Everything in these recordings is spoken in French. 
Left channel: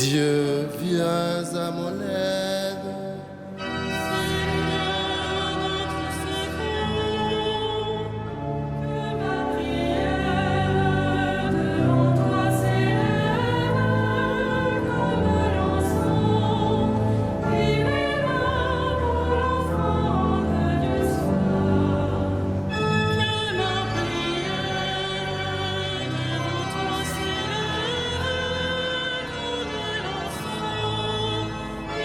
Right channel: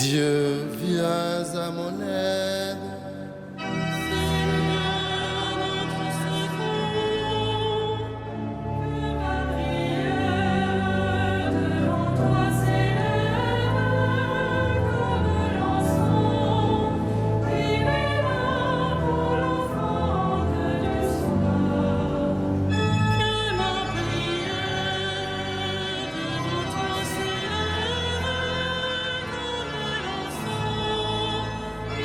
Dieu, viens à mon aide. Seigneur, notre secours, que ma prière devant toi s'élève comme l'encens, et mes mains pour l'offrande du soir. Que ma prière devant toi s'élève comme l'encens, et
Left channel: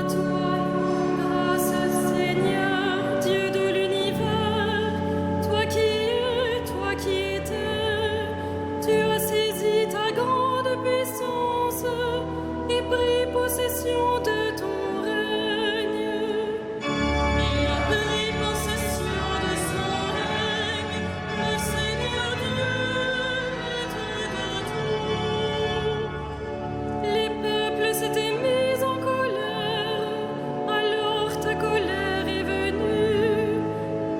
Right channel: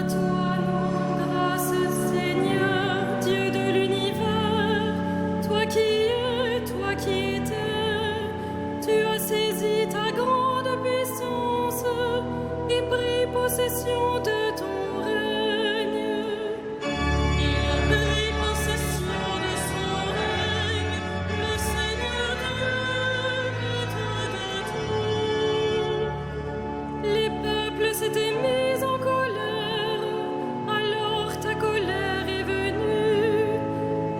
À toi nous rendons grâce, Seigneur, Dieu de l'univers, toi qui étais, tu as saisi ta grande puissance et pris possession de ton règne. Il a pris possession de son règne, le Seigneur Dieu, maître de tout. Les peuples s'étaient mis en colère, alors ta colère est venue,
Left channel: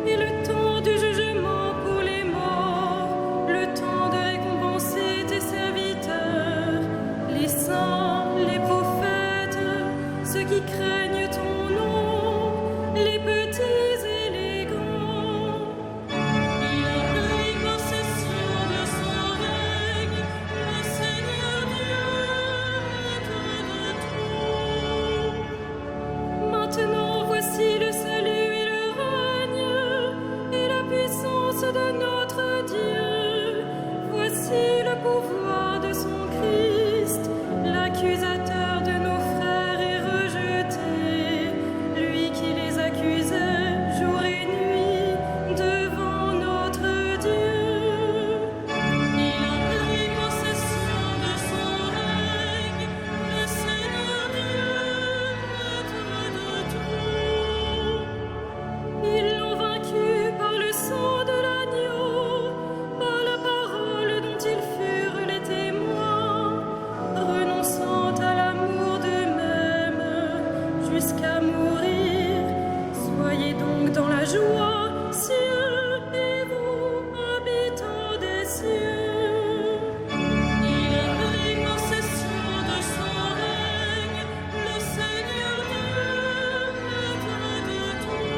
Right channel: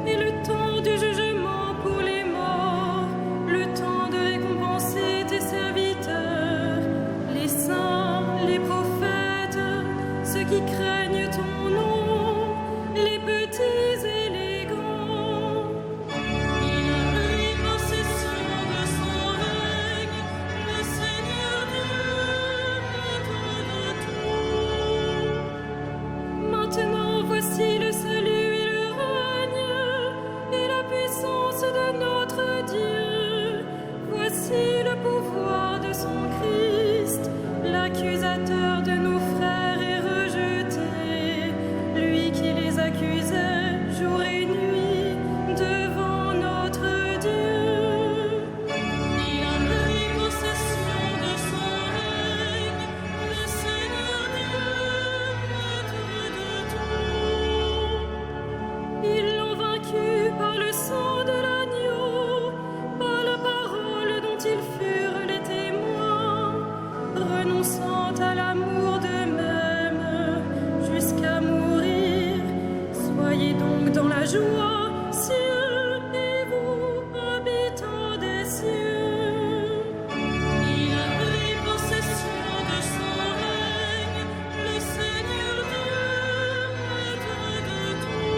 et le temps du jugement pour les morts, le temps de récompenser tes serviteurs, les saints, les prophètes, ceux qui craignent ton nom, les petits et les grands. Il a pris possession de son règne, le Seigneur Dieu, maître de tout. Maintenant voici le salut et le règne et la puissance de notre Dieu. Voici le pouvoir de son Christ. L'accusateur de nos frères est rejeté, lui qui les accusait jour et nuit devant notre Dieu. Il a pris possession de son règne, le Seigneur Dieu, maître de tout. Ils l'ont vaincu par le sang de l'agneau, par la parole dont ils furent les témoins, renonçant à l'amour d'eux-mêmes jusqu'à mourir. Soyez donc dans la joie, cieux, et vous, habitants des cieux. Il a pris possession de son règne, le Seigneur Dieu, maître de tout.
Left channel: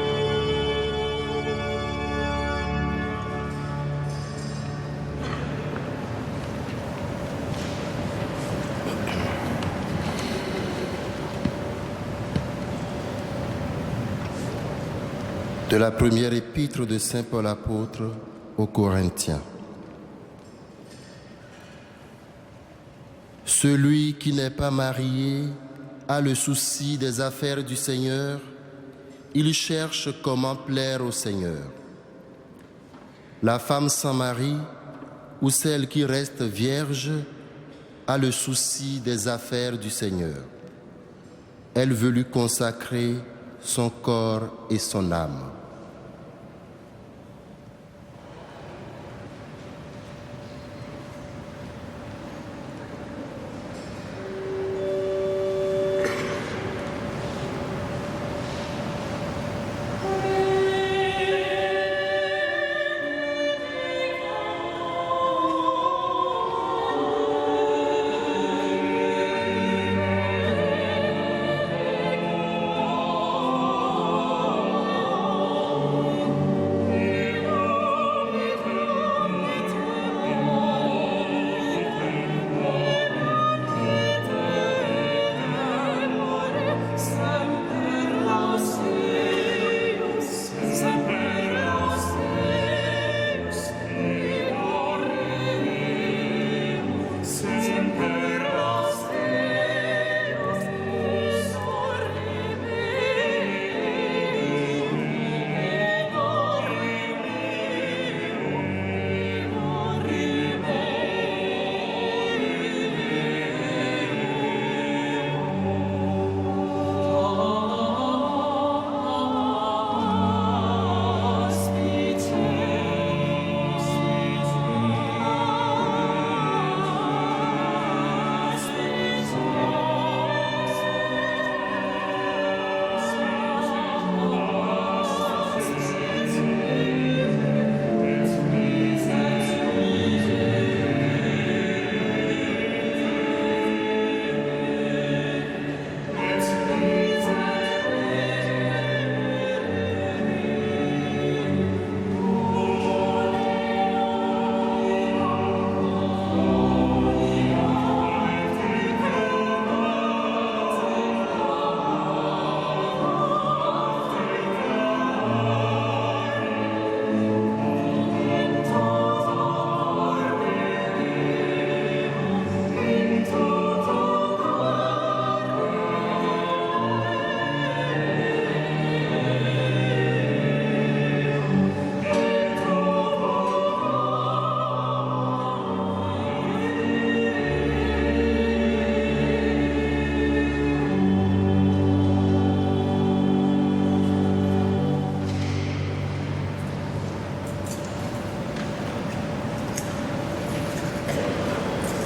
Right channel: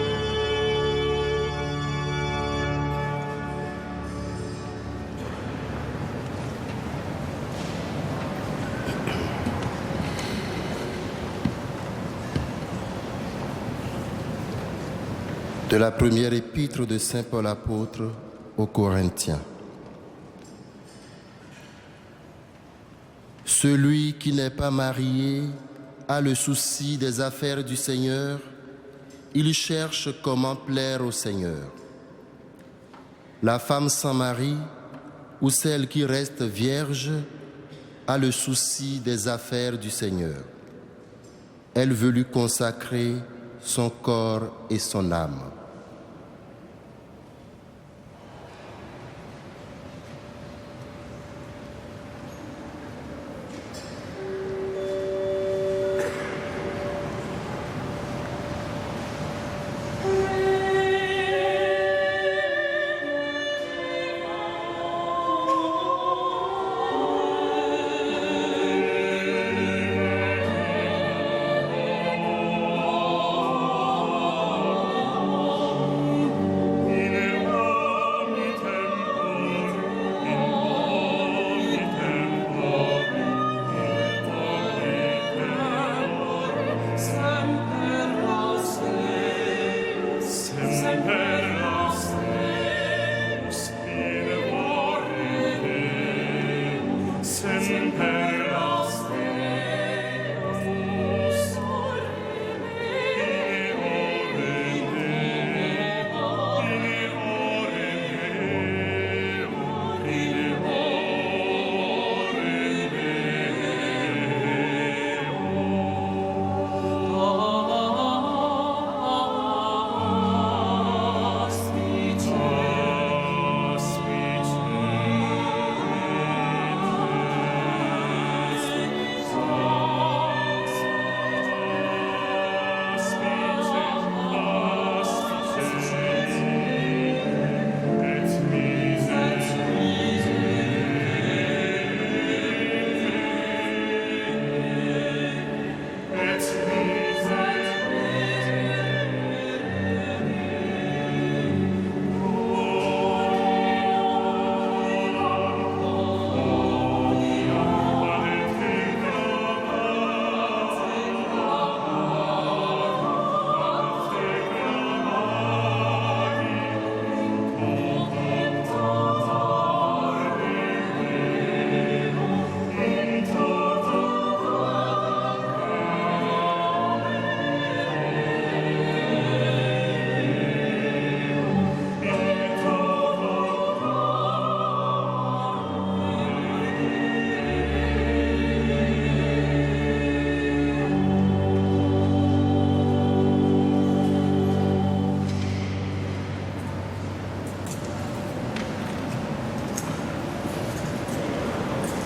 De la première épître de Saint Paul apôtre aux Corinthiens. Celui qui n'est pas marié a le souci des affaires du Seigneur, il cherche comment plaire au Seigneur. La femme sans mari ou celle qui reste vierge a le souci des affaires du Seigneur. Elle veut lui consacrer son corps et son âme.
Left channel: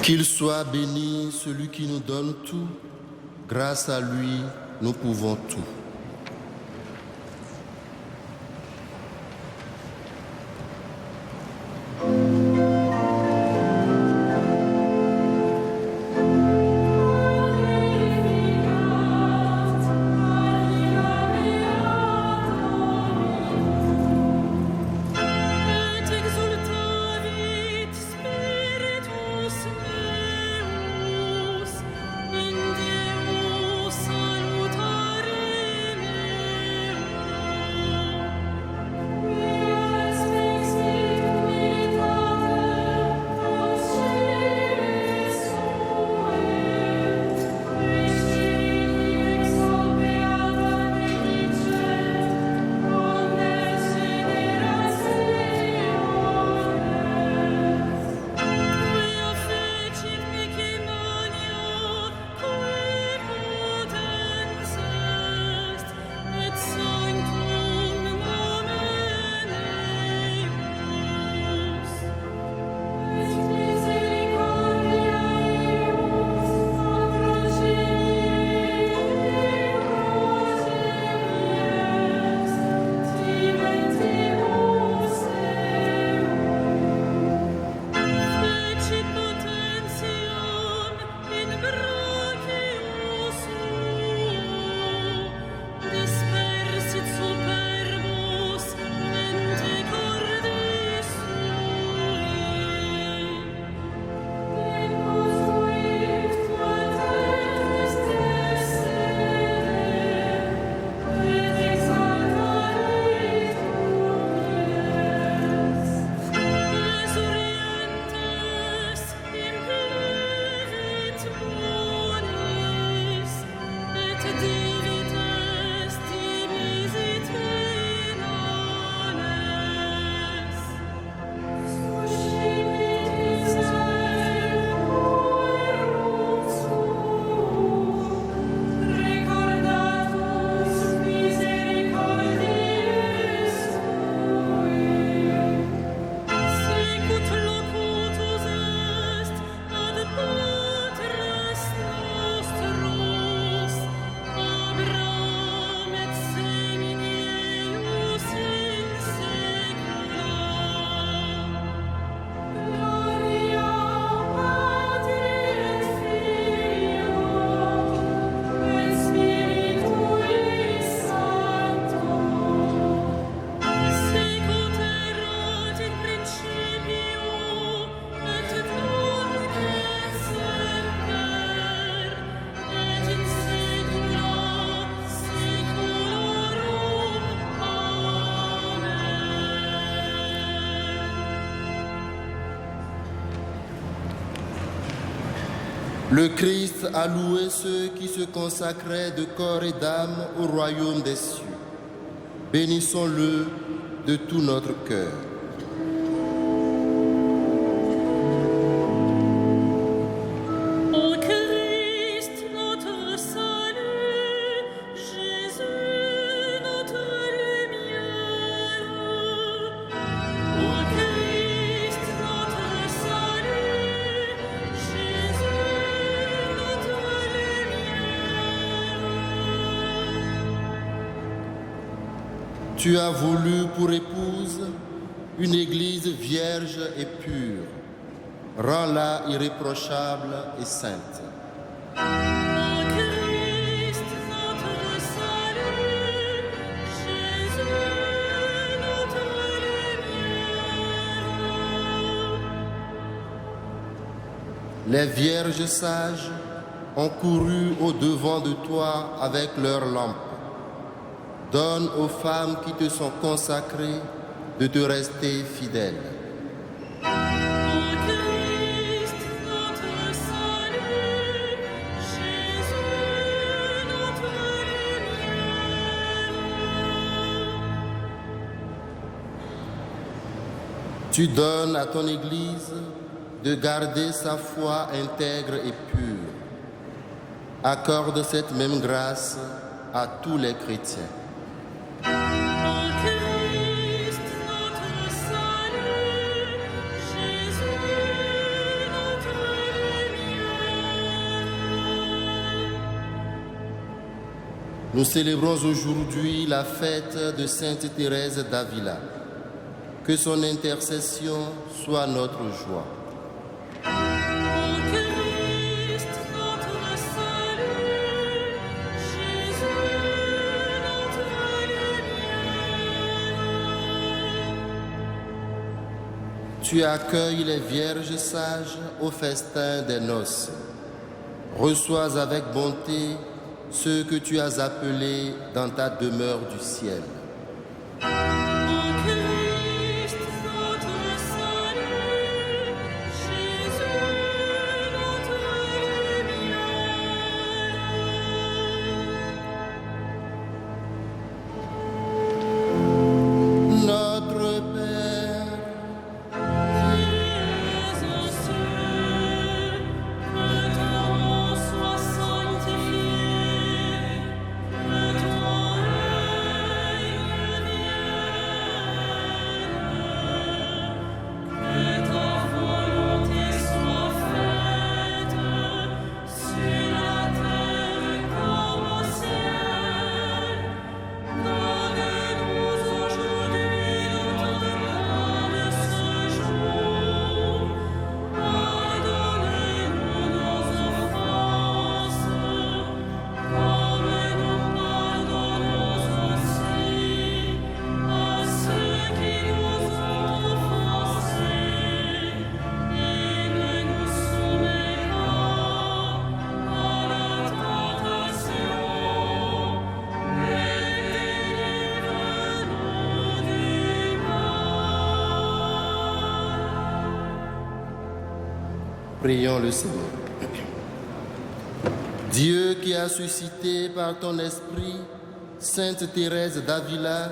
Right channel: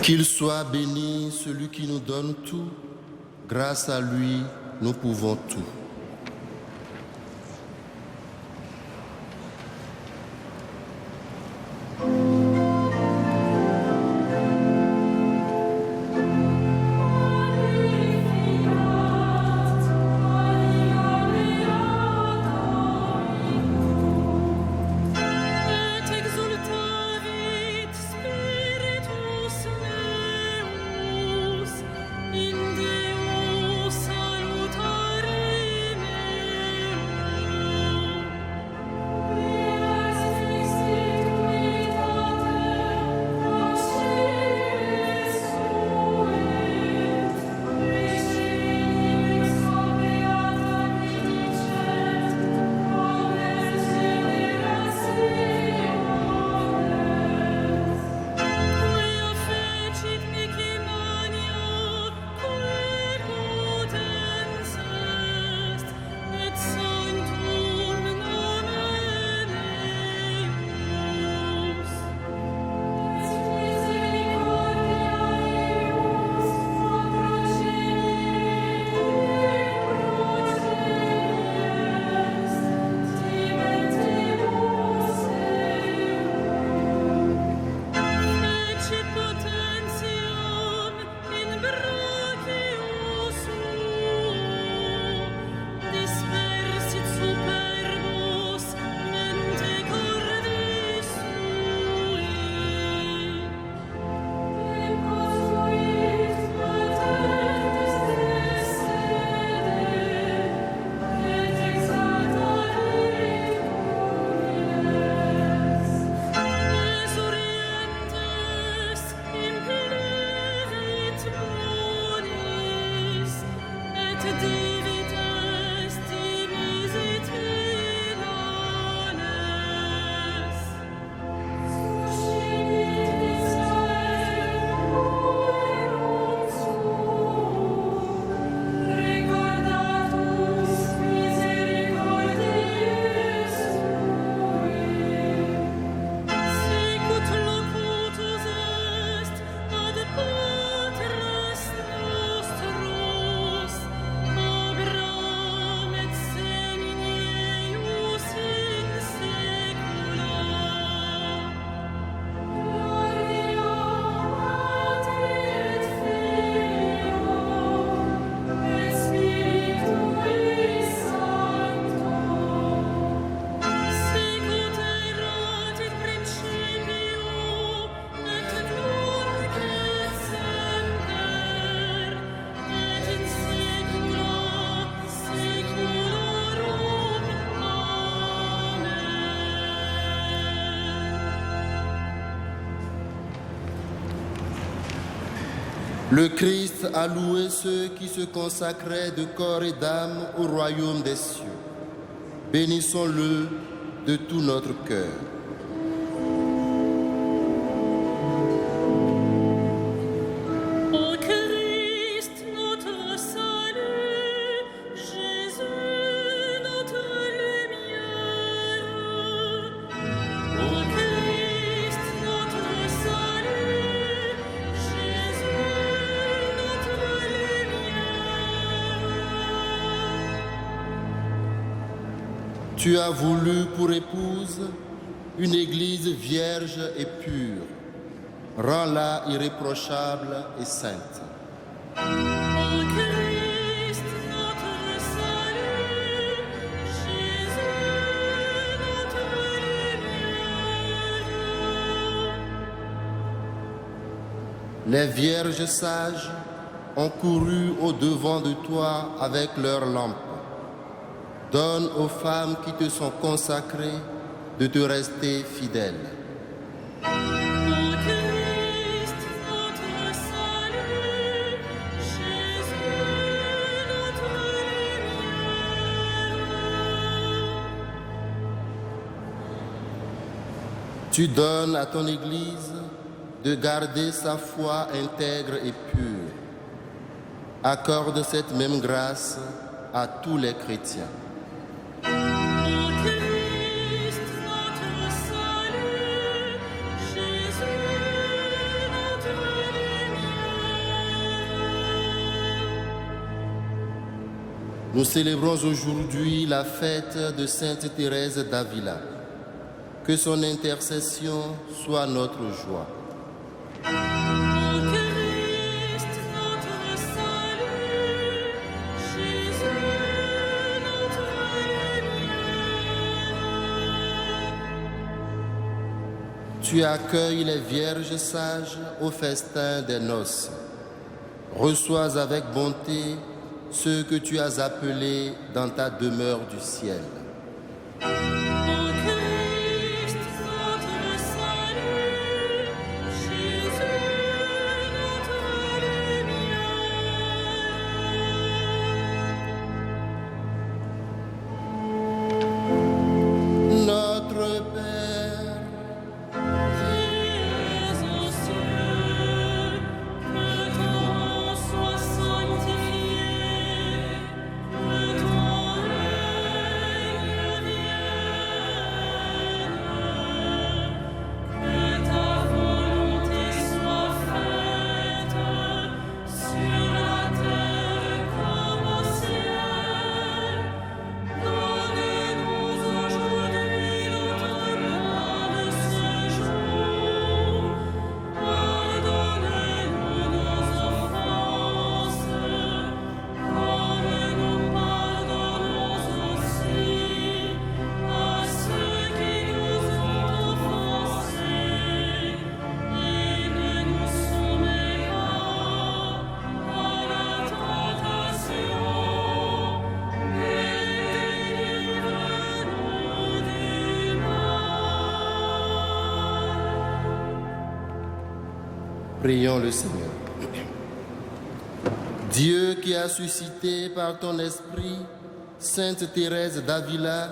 Qu'il soit béni celui qui nous donne tout. Grâce à lui, nous pouvons tout. Le Christ a loué ceux qui se consacraient de corps et d'âme au royaume des cieux. Bénissons-le de tout notre cœur. Ô Christ, notre salut, Jésus, notre lumière. Ô Christ, notre salut, Jésus, notre lumière. Tu as voulu pour épouse une église vierge et pure. Rends-la irréprochable et sainte. Ô Christ, notre salut, Jésus, notre lumière. Les vierges sages ont couru au-devant de toi avec leurs lampes. Donne aux femmes qui te sont consacrées de te rester fidèles. Ô Christ, notre salut, Jésus, notre lumière. Tu donnes à ton Église de garder sa foi intègre et pure. Accorde cette même grâce à tous les chrétiens. Ô Christ, notre salut, Jésus, notre lumière. Nous célébrons aujourd'hui la fête de Sainte Thérèse d'Avila. Que son intercession soit notre joie. Ô Christ, notre salut, Jésus, notre lumière. Tu accueilles les vierges sages au festin des noces. Reçois avec bonté ceux que tu as appelés dans ta demeure du ciel. Ô Christ, notre salut, Jésus, notre lumière. Notre Père, Qui es aux cieux, que ton nom soit sanctifié, que ton règne vienne, que ta volonté soit faite sur la terre comme au ciel. Donne-nous aujourd'hui notre pain de ce jour. Pardonne-nous nos offenses, comme nous pardonnons aussi à ceux qui nous ont offensés. Et ne nous soumets pas à la tentation, mais délivre-nous du mal. prions le Seigneur. Dieu qui a suscité par ton esprit Sainte Thérèse d'Avila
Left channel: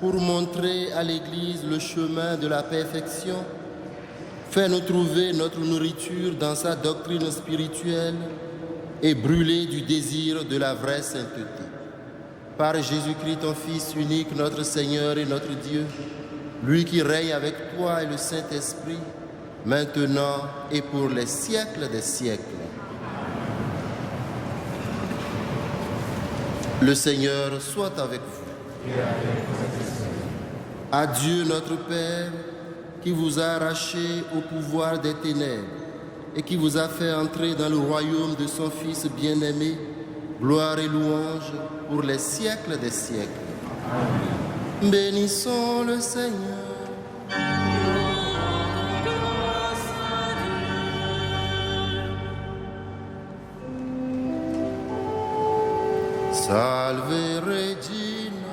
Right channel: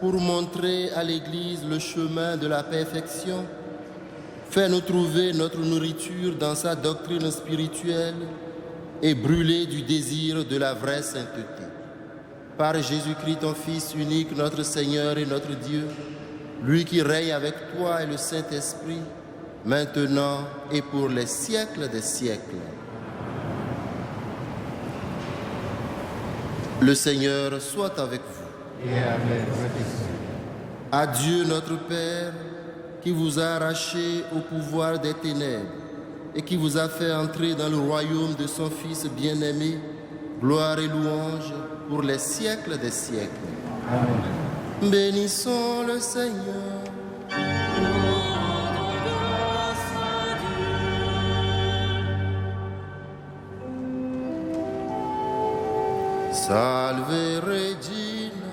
pour montrer à l'Église le chemin de la perfection, fais-nous trouver notre nourriture dans sa doctrine spirituelle et brûler du désir de la vraie sainteté. Par Jésus-Christ, ton Fils unique, notre Seigneur et notre Dieu, lui qui règne avec toi et le Saint-Esprit, maintenant et pour les siècles des siècles. Le Seigneur soit avec vous. À Dieu notre Père, qui vous a arraché au pouvoir des ténèbres et qui vous a fait entrer dans le royaume de son Fils bien-aimé, gloire et louange pour les siècles des siècles. Bénissons le Seigneur. Nous rendons grâce à Dieu. Salve Regina,